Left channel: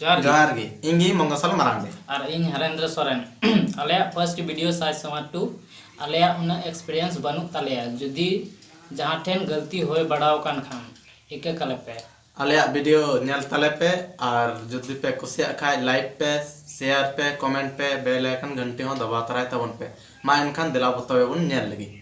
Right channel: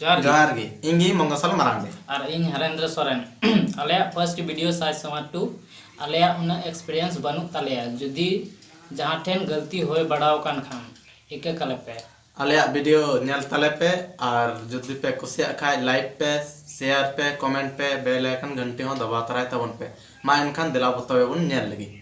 जोहार गे इंगी मंगसल मरांडे और इन हरेंद्र सोरेन आले फर्स्ट वीडियो साइज समाट टू आले उन एक्सपीरियंस बनू ताले जुदी जहां ठेन गलती होय बड़ाव कान खान इके कले पे आले वीडियो नेल तले पे और जुदी पे कुसिया खाय लाइक पे शेयर पे कमेंट पे बेल आइकन घंटी हो दबा तराय तबन पे मा एनखान दिला बतावे बुन नेल लगी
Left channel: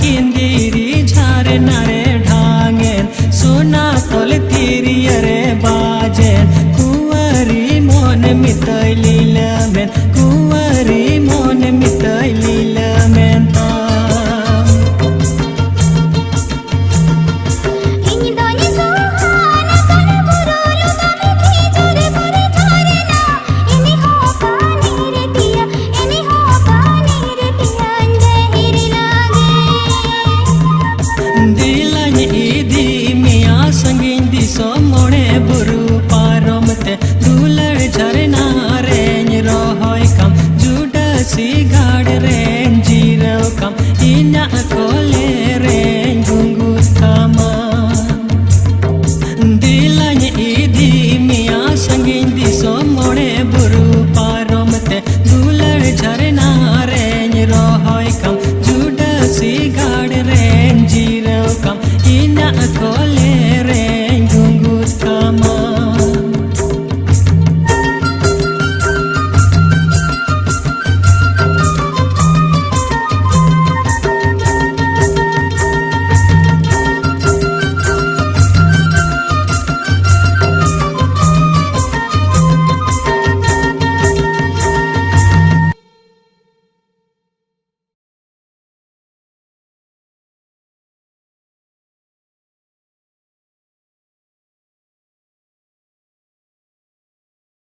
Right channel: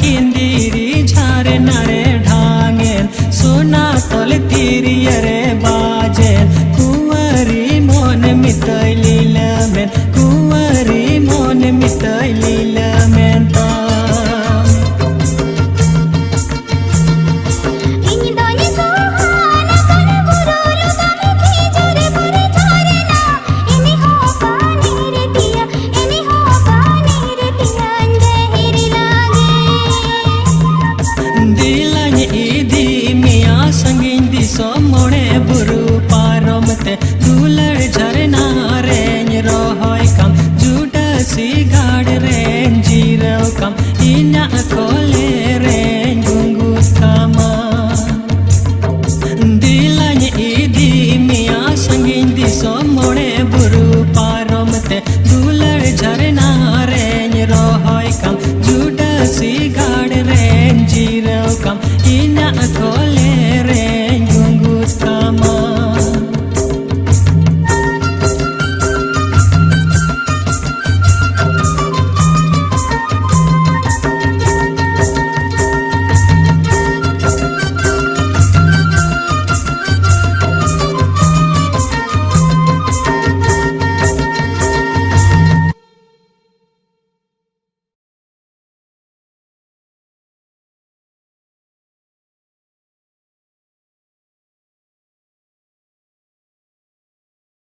किंदीरी झारे नारे ढांगेन सोना तल तीरियरे बाजेन कुंवरी मोन मितैली लमेन कुंवरी मोन मितैली लमेन मोणे बुरु पारमते दुलड़ झरना रेंज रोहय कम जुडसी गाड़ रेंज जीरो कम इना कोले रेंज गुंगुत कमा दिलाñ इदी मिया संगिन दिसो मोणे बुरु पारमते दुलड़ झरना रेंज रोहय कम जुडसी गाड़ रेंज जीरो कम इना कोले रेंज